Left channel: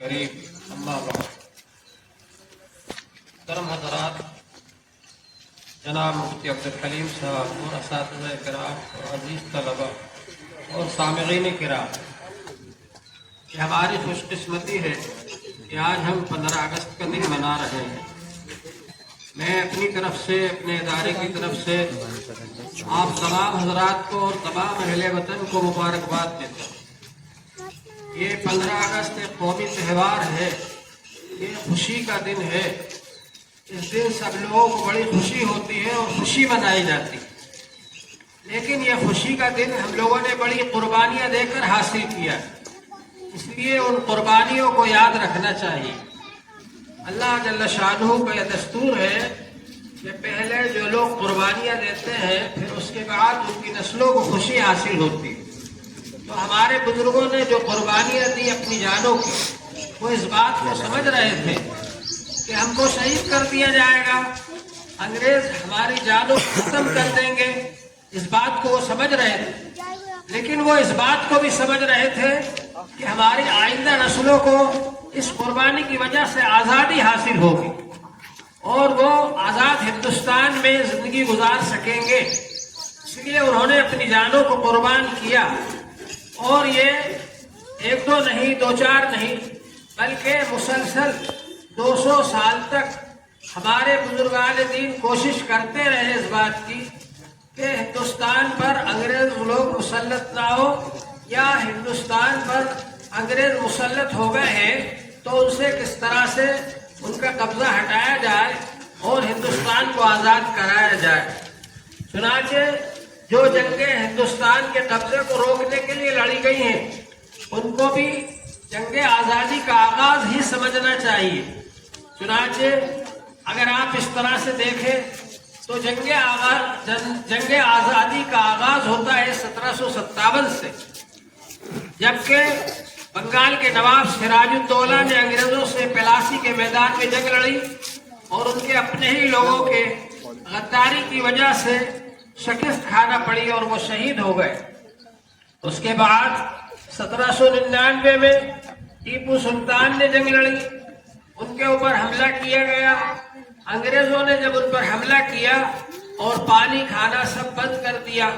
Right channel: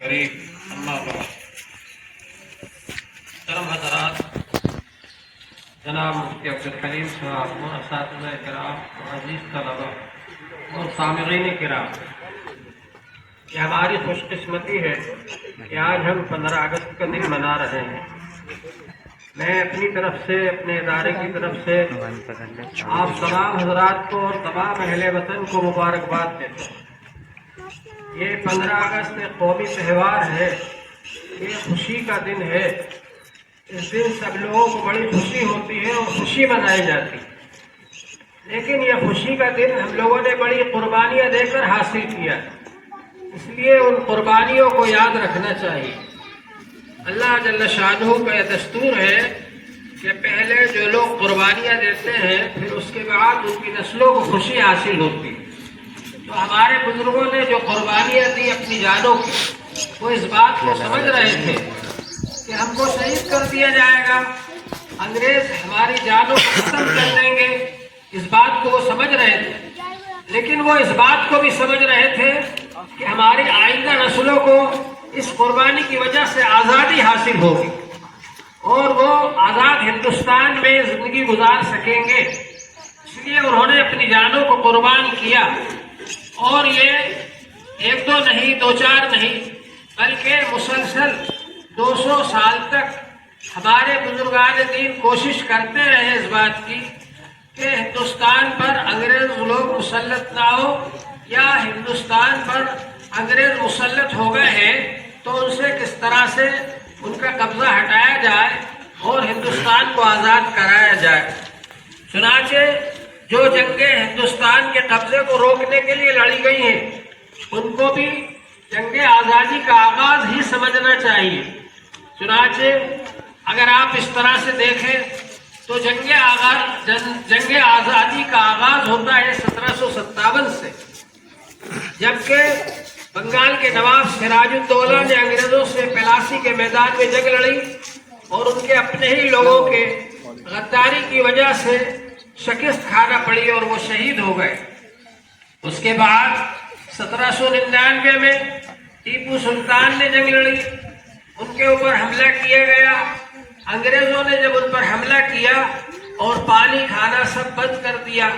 قریب اما بعد محترم حضرات، جناب مفتی عبدالحلیم صاحب اور اساتذہ کرام اور عزیز طلبہ اور سامعین کرام، یہ ہماری خوش قسمتی ہے کہ آج ہم 15 اگست کا دن منا رہے ہیں۔ میں اپنی طرف سے، اپنے ادارے کی طرف سے آپ تمام حضرات کو اور تمام اہل وطن کو مبارکباد دیتا ہوں۔ یہ 15 اگست ایک قومی تہوار ہے، یہ خوشی کا دن ہے۔ اس دن سب لوگوں کو بڑی خوشی ہوتی ہے اور خوشی منائی جاتی ہے، لیکن یہ خوشی کا دن ہم لوگوں نے بڑی قربانیاں دے کر حاصل کیا، اس لیے ان قربانیوں کو یاد رکھنا چاہیے۔ اللہ جل شانہ کا یہ دستور ہے کہ پہلے جو لوگ قربانیاں دیتے ہیں پھر اس کے بعد ان کی نسلوں کو خوشی حاصل ہوتی ہے۔ تو ہمارے بزرگوں نے جو قربانیاں دی اپنی جانوں کی، وہ اس بات کو سمجھ رہے تھے کہ ہم کو شہید کر دیا جائے گا، انگریز ہماری جانوں کو ختم کر دیں گے، اس بات کو وہ سمجھ رہے تھے۔ لیکن وہ اس بات کو بھی سمجھ رہے تھے کہ ہماری آئندہ نسلوں کو اس قربانی کی وجہ سے آزادی حاصل ہوگی اور وہ آزاد ہندوستان میں زندگی گزار سکیں گے، اس لیے انہوں نے اپنی جانوں کو قربان کیا۔ اور یہ ایک دو نہیں، دو چار نہیں، بلکہ مسلسل 200 سال تک ہمارے بزرگان دین کوشش کرتے رہے اس بات کی کہ ہندوستان پر انگریز لوگ مسلط نہ ہو، یا ہندوستان پر انگریز مسلط ہو گئے ہیں تو ان سے کس طرح سے ان کا قبضہ ہٹایا جائے اور ہندوستان کو آزاد کرایا جائے۔ چنانچہ جو جنگیں ہندوستان کے قبضے کو روکنے کے لیے لڑی گئی ہیں، ان کو بھی جنگ آزادی کا آغاز ہی سمجھنا چاہیے۔ چنانچہ اگر آپ اس طرح سے دیکھیں تو جنگ آزادی کا آغاز ہوتا ہے 1757 سے، جبکہ بنگال کے نواب سراج الدولہ نے انگریزوں سے پلاسی کے میدان میں جنگ لڑی اور ان کے اپنے ہی لوگوں کے غداری کی وجہ سے شکست کھانا پڑی اور وہ شہید ہو گئے۔ اس کے بعد 1799 میں ٹیپو سلطان نے جنگ لڑی، ان کے اوپر حملہ کیا گیا۔ انگریزوں نے جب ان پر حملہ کیا اور پانی کھانا سب بند کر دیا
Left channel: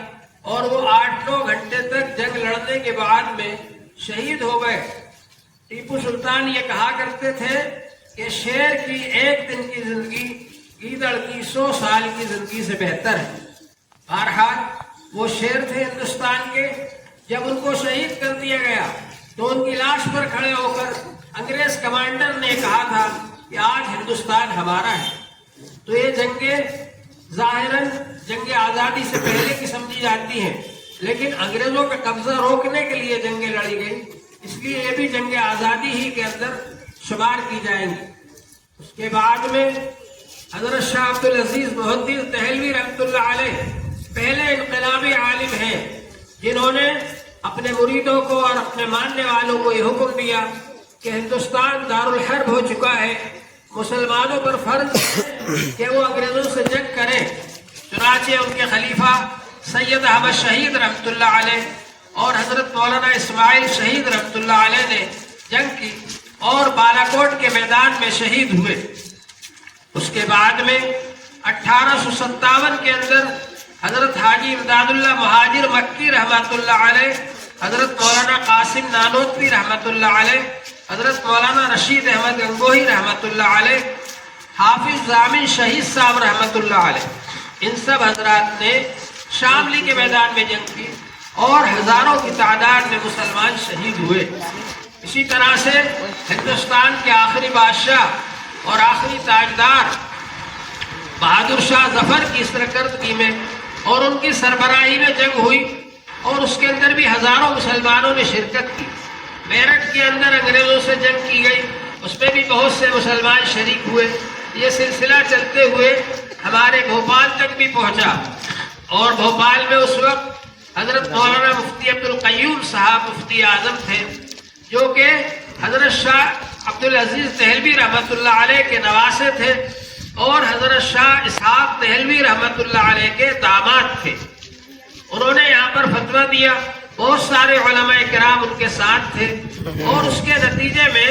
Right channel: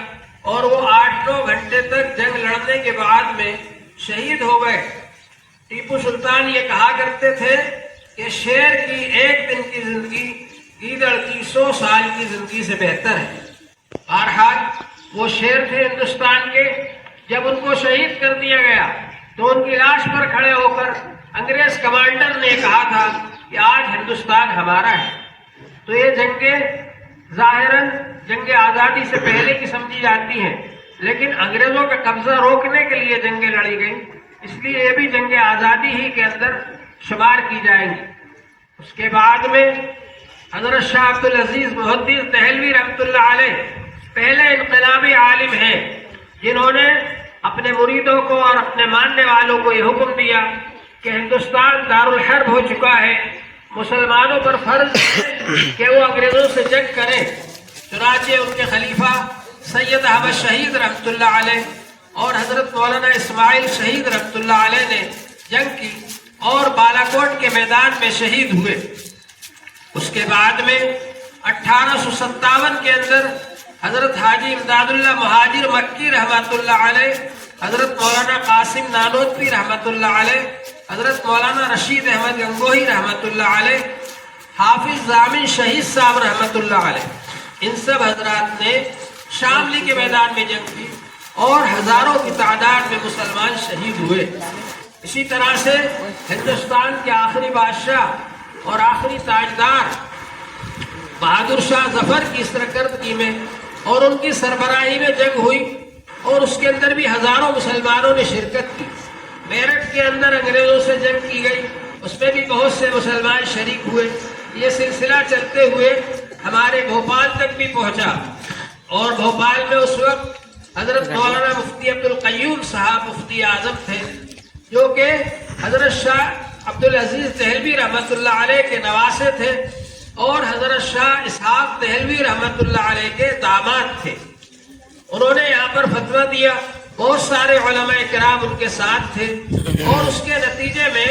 اور وہ 8-9 گھنٹے تک جنگ لڑنے کے بعد میں شہید ہو گئے۔ ٹیپو سلطان یہ کہا کرتے تھے کہ شیر کی ایک دن کی زندگی گیدڑ کی 100 سال کی زندگی سے بہتر ہے۔ بہرحال وہ شیر تھے ہندوستان کے۔ جب ان کو شہید کر دیا گیا تو ان کی لاش پر کھڑے ہو کر انگریز کمانڈر نے کہا تھا کہ آج ہندوستان ہمارا ہے۔ تو یہ جنگیں ظاہراً جنگ آزادی سے پہلے کی سمجھی جاتی ہیں، لیکن انگریزوں کا قبضہ روکنے کے لیے جنگیں لڑی گئیں، اس لیے یہ بھی جنگ آزادی ہی کے اندر شمار کی جائیں گی۔ اس کے بعد میں حضرت شاہ عبدالعزیز محدث دہلوی رحمۃ اللہ علیہ پہلے انقلابی عالم ہیں جنہوں نے اپنے مریدوں کو اور اپنے ماننے والوں کو یہ حکم دیا کہ ہندوستان دارالحرب ہو چکا ہے، مسلمانوں پر فرض ہے کہ وہ انگریزوں سے جنگ کریں۔ چنانچہ ان کے خلیفہ سید احمد شہید رحمۃ اللہ علیہ اور حضرت مولانا اسماعیل شہید رحمۃ اللہ علیہ نے جنگ کی اور بالاکوٹ کے میدان میں شہید ہوئے۔ اس کے بعد میں 1857 کے اندر حضرت حاجی امداد اللہ مہاجر مکی رحمۃ اللہ علیہ، حضرت مولانا قاسم نانوتوی رحمۃ اللہ علیہ، حضرت مولانا رشید احمد گنگوہی رحمۃ اللہ علیہ، حافظ ضامن شہید صاحب رحمۃ اللہ علیہ، ان سب حضرات نے شاملی کے میدان میں جنگ کی اور ہزاروں کی تعداد میں مسلمان شہید ہوئے۔ اسی طرح سے ہندوستان کے آخری بادشاہ اور آخری تاجدار بہادر شاہ ظفر کی سرکردگی میں اور ان کی سربراہی میں جنگ ہوئی اور اس کے اندر بھی ہزاروں مسلمانوں نے شرکت کی۔ میرٹھ کے اندر انگریزوں سے جنگ کی گئی، اس میں بھی بہت سے مسلمان شریک ہوئے۔ یہ سلسلہ چلتے ہوئے ہمارے بھوپال تک بھی پہنچا اور بھوپال میں اس وقت حضرت مولانا مفتی عبدالقیوم صاحب مفتی اعظم تھے، جو کہ حضرت شاہ عبدالعزیز دہلوی رحمۃ اللہ علیہ کے نواسے تھے اور حضرت شاہ اسحاق دہلوی رحمۃ اللہ علیہ کے داماد تھے۔ انہوں نے یہاں پر فتویٰ دیا، بہت سارے علماء کرام ان کے ساتھ تھے اور اس کے نتیجے میں